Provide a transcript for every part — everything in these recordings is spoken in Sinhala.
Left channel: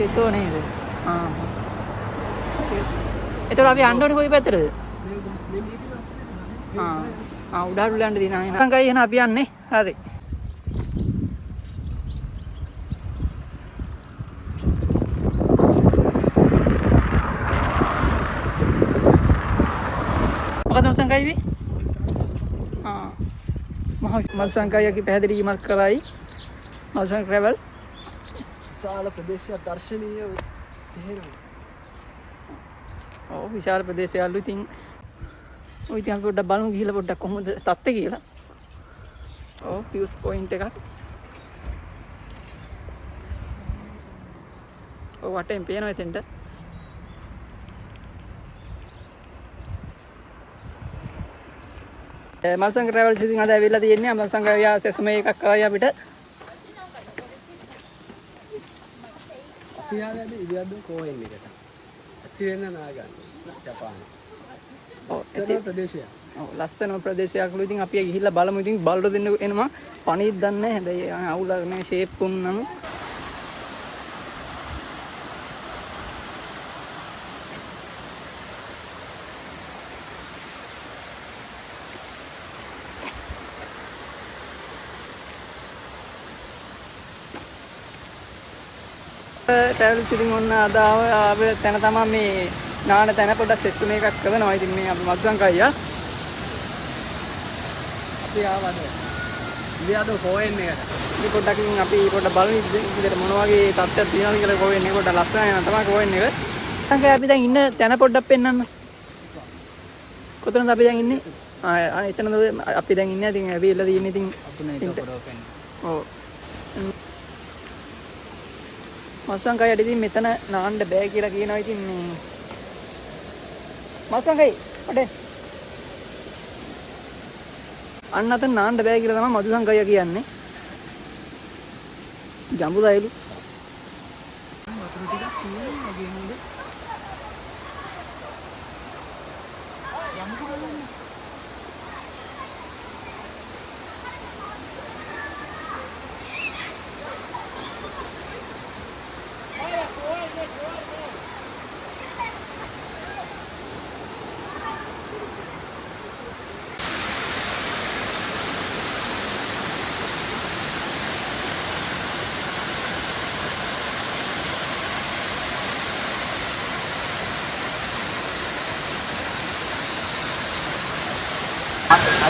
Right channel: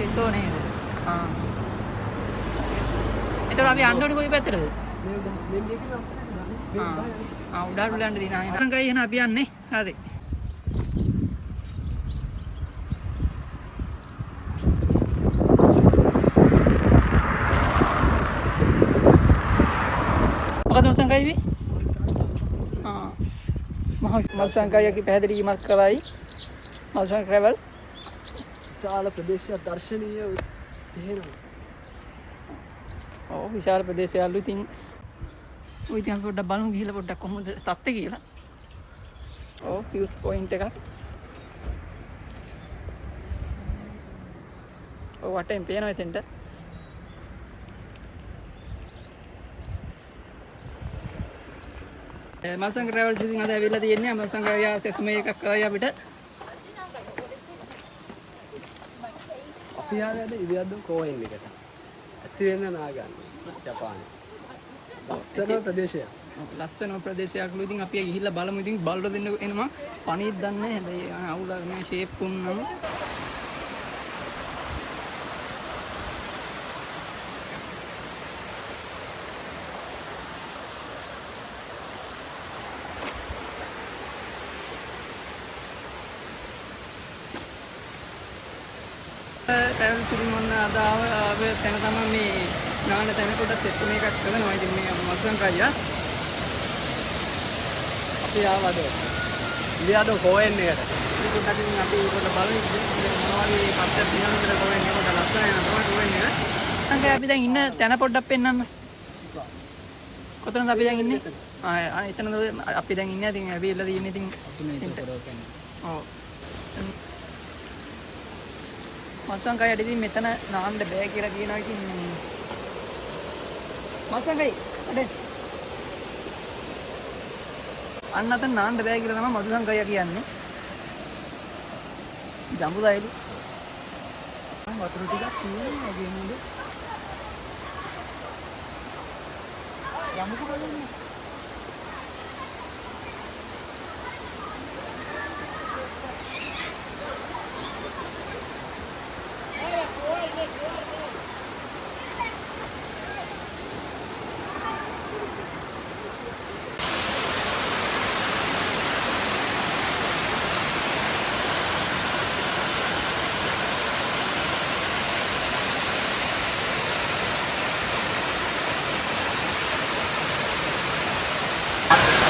itu nih. Itu අපි යන්න ඕනේ කොයි පැත්තටද? උඩට යන්න දිනා. සංකයි එහෙනම් අපි යන්නේ. හරි. මොකද සංකයි වි? මහා සංකයගේ පැහැදිලි කිමක් කරයි. අවසන් ට්‍රැවල්ස් විශාල ප්‍රදේශයක් දර්ශනීය තේරුම්. ඔව් විශාල ප්‍රදේශයලු ඉතින් ඔය ඉතින් අපි පොඩ්ඩක් බලමු ගිහිල්ලා පොඩ්ඩක් කොහොමද තත්ත්වය කියලා. ඔව් views point එකක්. ඔව් වටෙන් පේනවා එතෙන්ට. මල්සංග ට්‍රැවල්ස් ඉතින් අද ඇවිල්ලා තියෙන්නේ මල්සංග යා සෙසුමේ එකක් කරයි අපිට. අපි ආවේ ඉවියද්දෝ කෝයෙන් එකට. ඇති වෙන නාගන්න ජපානයේ. ලස්සන ප්‍රදේශයක්. ඔව් ලස්සන ප්‍රදේශයක්ලු ඉතින් අපි ගිහිල්ලා බලමු ඉතින් බලට දෙන්න එනවා. පණීත් දන්නේ නැහැ හැබැයි අවුල මේ ෂේප් වුණාම ට්‍රැවල් ඉතින් ඔන්න අද ආවේ තැන තමයි මේ නාන තැන පොඩ්ඩක් සෙට් එකක් කරනවා. ඉතින් මේ මල්සංගය අපි ආවද ඉවියද්දෝ කෝයෙන් එකට. ඉතින් පොඩ්ඩක් ඉතින් අපි පොඩ්ඩක් බලමු ඉතින් මොන වගේ තත්ත්වයක් තියෙනවද කියලා කෝයෙන් එක පොඩ්ඩක් ලස්සන යනවා තමයි කෝයෙන් එක. සංකය අපි දැන් ඉන්න තැන පොඩ්ඩක් පෙන්නන්න. කොතනද අපි දැන් ඉන්නේ? එතනද අපි දැන් ඉන්නේ. ඉතින් ඇවිල්ලා තියෙන්නේ ඉතින් ඔව්. මල්සංගයට ඉතින් මෙතන නාන්න බෑ කියලා කියනවා. ඉතින් මේ මල්සංගයි අඩේ අන්න අතන නාන්න බෑ කියලා තමයි මදුසංගය කියන්නේ. ජම්බුදයිලු වතුර ටිකක් තියෙනවා වගේ නේද? යමුකෝ බලන්න.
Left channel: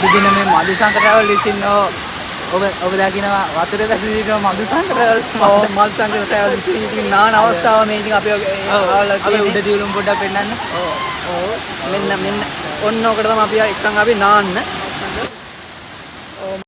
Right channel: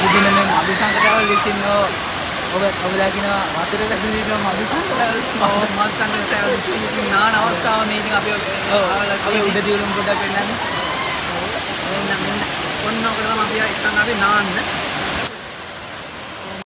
ඉතින් මේ මදුසංග ට්‍රැවල් ඉතින් ඔබලා කියන වතුර එකක් නිවිගම මදුසංග ට්‍රැවල් මල්සංග ට්‍රැවල් ඉතින් නාන අවස්ථාව මේ ඉතින් අපි ආවලා තියෙන්නේ උඩ දියුණු පොඩක් වෙනන්න. ඔව් මෙන්න ඔන්න ඔකට තමයි අපි එක්කන් අපි නාන්න.